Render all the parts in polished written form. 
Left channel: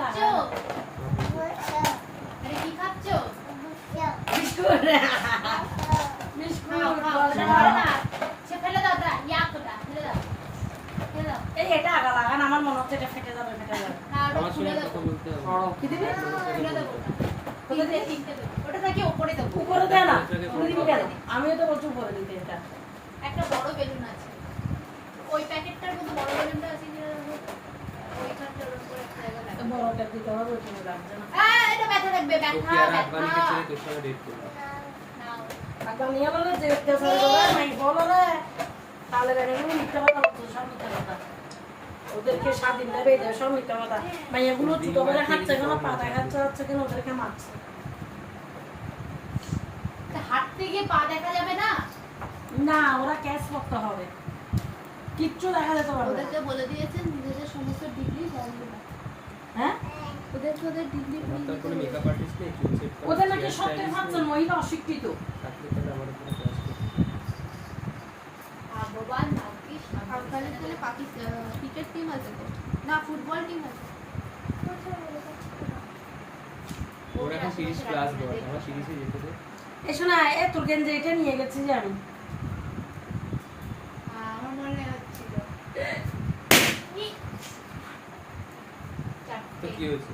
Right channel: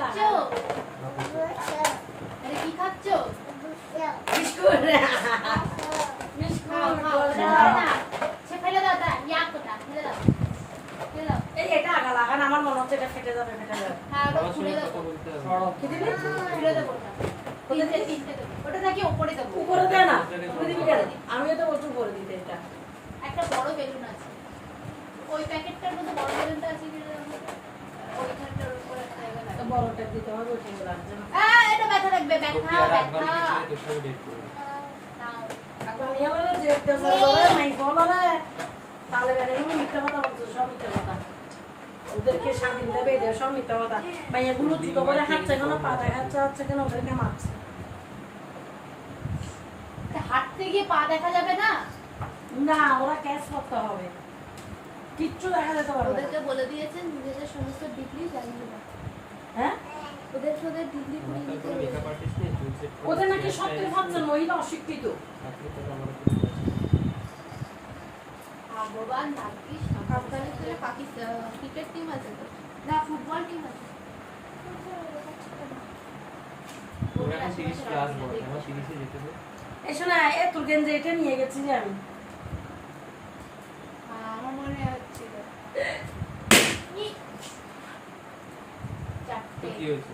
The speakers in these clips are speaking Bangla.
খাচ্ছো? আরে কি খাচ্ছো? বিস্কুট। বিস্কুট না। সে ফেলে দাও তা, ইয়াকটা ফেলে দাও। ফেলে দাও। এই এটা আগা লাগান আমার মনে হচ্ছে এটা ফেটে যাবে। হ্যাঁ, ওটা খুলে দাও। কি দিবি? খুলে দাও ওটা। তিনটে দাও। ওটা নাকি উপরে দাও। উপরে দে না। উপরে দিবি কেন? আমিও তো বলছি উপরে দিতে এটা। একটা বড় বেলুন আছে। ওই প্যাকেটটার মধ্যে বড় বেলুনটা আছে কি? ওইটার উপরে একটা জায়গা লাগবে। বড়টা দিতে হবে ওইটা লাগবে না। এটা ব্যথা লাগবে, ব্যথা। নাও। এখন নিয়ে বলে যে দেশে করে নাই বলো রে। তাহলে এগুলো মিথ্যা কথা বলছো, সব মিথ্যা কথা। ওদেরকে স্বাধীন দেবে এদের সব মিথ্যা কথা। ভাই এগুলো জুতো করে হাঁটছে কেন, পা দেখাচ্ছে হচ্ছে কেন, ওদেরকে মারছে। হাঁটতে গিয়ে পা দেখা যাবে না? না, ওরা ক্যাশ করতে হবে। কিচ্ছু দেখা যেতে পারবে না। ওদেরকে বলে দিয়েছেন নিজেদের সমস্ত ডিগ্রি জানবে না। হ্যাঁ? ওদেরকে ওদের ডিগ্রি পড়িয়ে দিতে হবে। ওদের নাকি সত্যি ভাবছে মহিলা অশিক্ষিত। ভগবান ভাগ্যিস আফগানিস্তানে পাকিস্তান ক্রিকেট টিম আছে তো, না ফুটবল টিম আছে। ওরা এখন 30 ক্লাস বল, আমার 30 এ যেতে দে। এসো না, এ তোর গেঞ্জি এটা নিয়ে গেছি যে আমি। আমার মনে হচ্ছিল তো কি হয়েছে?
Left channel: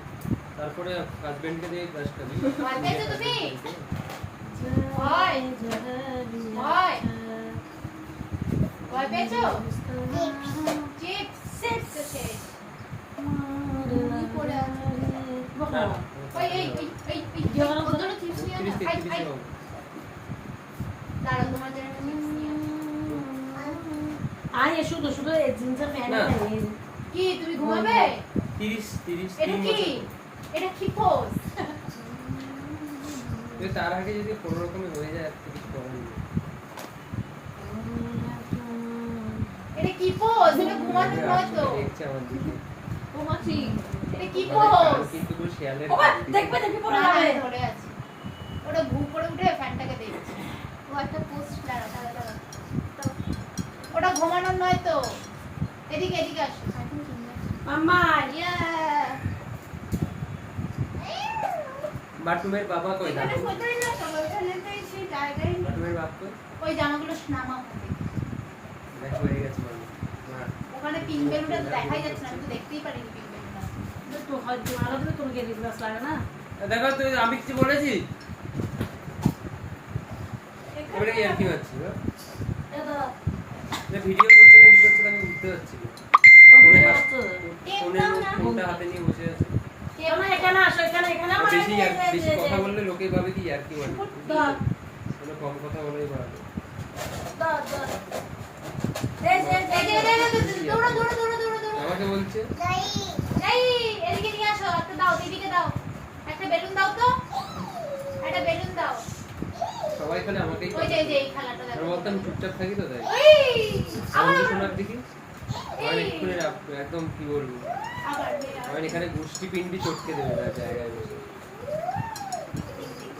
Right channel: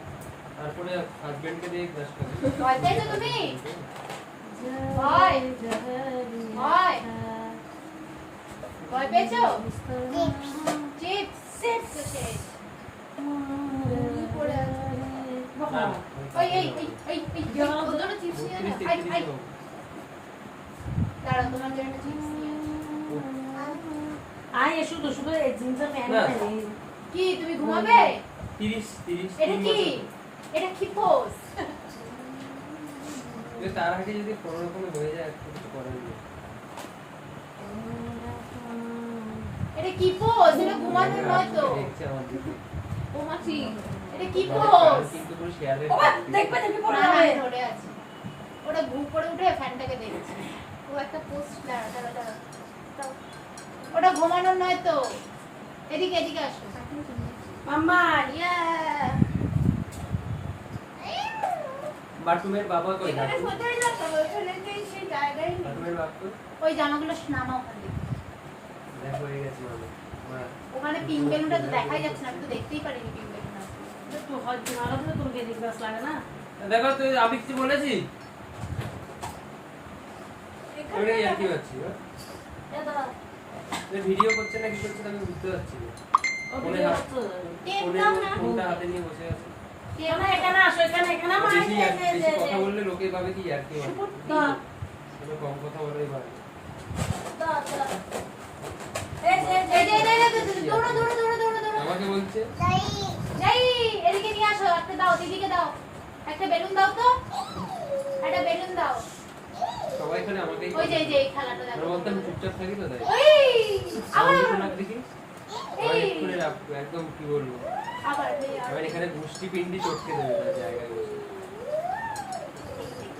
তারপরে হাজবেন্ডকে দিয়ে ক্লাস করবি। ভয় পেয়েছো তুমি? ভয় ভয় ভয় পেয়েছো? চিপস চিপস তো শেষ। তুমি পড়ে আছো। ওই এই এই এই এই ওর জন্য চিপস নিয়ে না। আই আই দাঁড়াও, তোমার জন্য একটা চিপস নিয়ে আসি। আই এসো তো শুধু এই জিঞ্জার প্যান্ট না। নাই। কি তুমি ঘুমাবে? 30 এটা কি? এটা কি পোজ? যে তার আগে যদি কোনো রকমে হয়ে যায় আর কিছু করার নেই। এটা কি পোজ? এটা ঘুমানো নয় তো। দেখছে আমার দিকে। ঘুমাচ্ছি। এটা কি পোজ? কিন্তু পুরো শেয়ালের ওবা দেখবে দেখবে পড়ে যাবে। ধরে আছে। ওটা ঘুম করে উঠে ফ্যানটাকে দেখছে। ও একটা পোজ দাঁড়া দাঁড়া দাঁড়া। ওটা ঘুমানো নয় তো। এদিকে এদিকে আসো। মাম্মা ইয়া বাটুমের বাবা কই না? এখানে সোজা না সবাই ওখানে সেই জায়গায় নেই। বাটুমের বাপ তো ওই জামাগুলো নামাও ওখান থেকে। দেখা হয়ে গেছে মানে। মা ওখানে পিঙ্ক বেলুনটা তো দেখাই যাচ্ছে না, আমি তো দেখতেই পারিনি পিঙ্ক বেলুনটা। তো হয়তো আরো দিলে তোর গেঞ্জি ব্যাস লাগে না। দেখো তুই আমি কিছু বলেছি? ওরে কি আর কি হচ্ছে? এটা যে ভিডিও করছে না কি করছে আমি বুঝতে পারছি না। ফোনে ফোনটা হাতে নিয়ে বসে আছে। কেন এখানে আসো, এখানে এখানে আমার বেশি বেশি কথা বললে লোকে ভাবে কি আর কি হয়। দা কোনো কম কথা বলেই ভাবে। দা দা এই দৌড়া দৌড়া দৌড়া দৌড়া দৌড়া। আমাকে বলছে এই এদিকে নিয়ে আসো, একটা দাও, দিদিকে দাও। একটা বেলুন দাও তো। একটা বেলুন দাও। সবাই এখানে আমাকেই ওই যে এই খেলাটা দেখো। আমরা বলতাম চুপচাপ থাকি তো তাই। ওই আবার আমি শোনাক দেখি। আর এই এক্ষুনি একদম কি বলবো? আবার আমার এখানে গুষ্টি পিন্ডি চটকে দেবে তার জায়গায় বসে।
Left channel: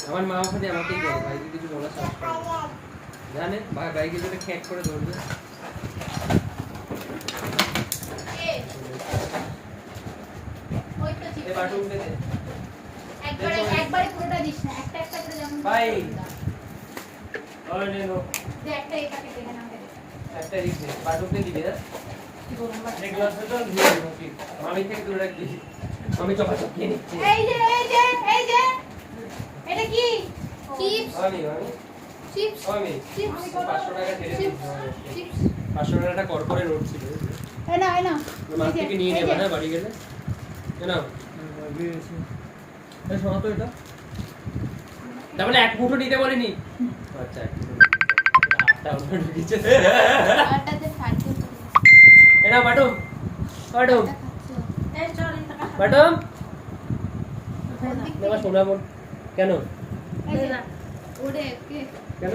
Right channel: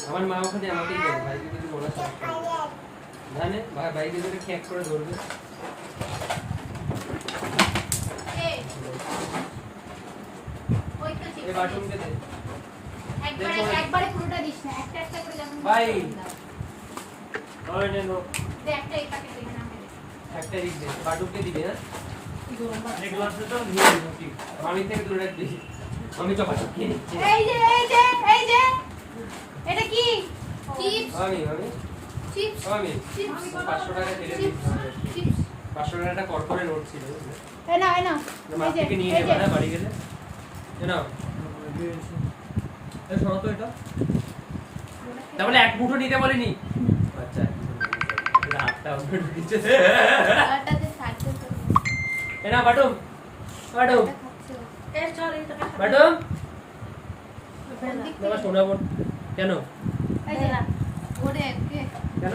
আমার মা ওখানে আমাকেই বলে ভাইকে কিছু বলা সাহস করে না। জানে ভাই ভাইকে যদি খ্যাক করে ধরবে। ওই তো ঠিক এই বাটুনকে দে। একবারে পুরোটা দিস না, একটা একটা করে যখন ভাই। ওই নে নো। দে একটা এই প্যাকেট দেখে নাও। একটা দিক দে। বাটুনকে দিবি না? এক গ্লাসে তো দিয়ে দিবি ঠিক। আমি থেকে তুলে রাখবি। আমি চপাচপ খেয়ে নিচ্ছি। এই যে এটা কি? চিপস আমি চিপস আমি চিপস 500 টাকা দিয়ে চিপস দিচ্ছি। চিপস 500 টাকা করকরে নোট ছিল। এই না মাছ থেকে নিয়ে নেবা না বাড়ি গেলে। নাও। এই শোনো তো এটা। তাহলে এক মুঠো নিতে বলিনি। আচ্ছা এক মুঠো নিতে। এটা হাতটা ওপরে ঢুকিয়েছে। আটাতে ফাটছে তো। এ নাও বাটুম। বাটুম। এই চল এই টাকা বাটুম। বাবা শোনাবো কেন? ওরে কে কেন?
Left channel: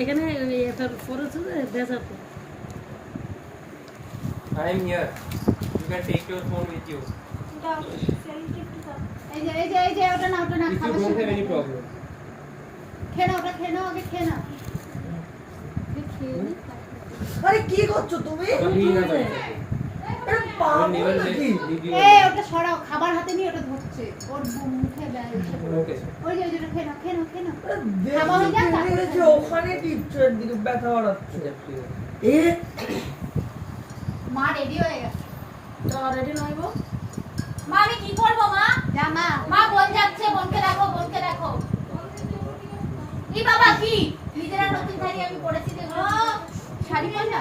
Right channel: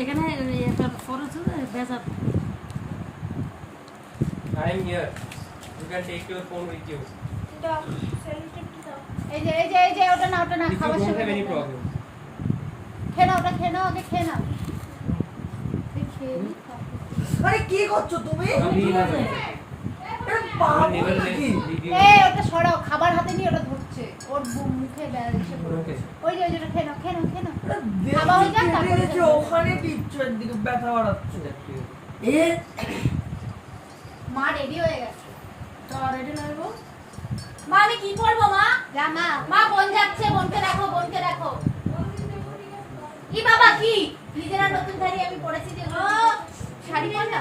এখানে এটা ফরজ ভেজা I am here. You can take your phone with you. দাও সেন্টিটি দাও। এই যে ওটা না If you খাবার don't শেষ have any problem. খেয়ে নাও, ওটা খেয়ে নাও, আগে খেয়ে নাও। খেয়ে নি। আরে কি করছো তুমি? Come here, আরে বাবা never নাকি? leave you. ওটা সরাও, খাবার হাতে হাতে নিয়ে ওটা ধরছে ওর মুখে ওকে ওই যে ওটা খেয়ে নাও দেখি খাওয়া হয়ে যাক, তারপরে পেরেছে, খাবো। ওখানে পিচ্ছের দিকে ব্যথা বাড়াচ্ছে এ মা রেডি হয়ে গেছে তো রেডি নইব মা আমি কি করবো মা যা মা বোন যাচ্ছে বোনকে দেখো ই বাবা কি নিজেরা নতুন শাড়ি আমি পরেছি যেগুলো শাড়ি পর না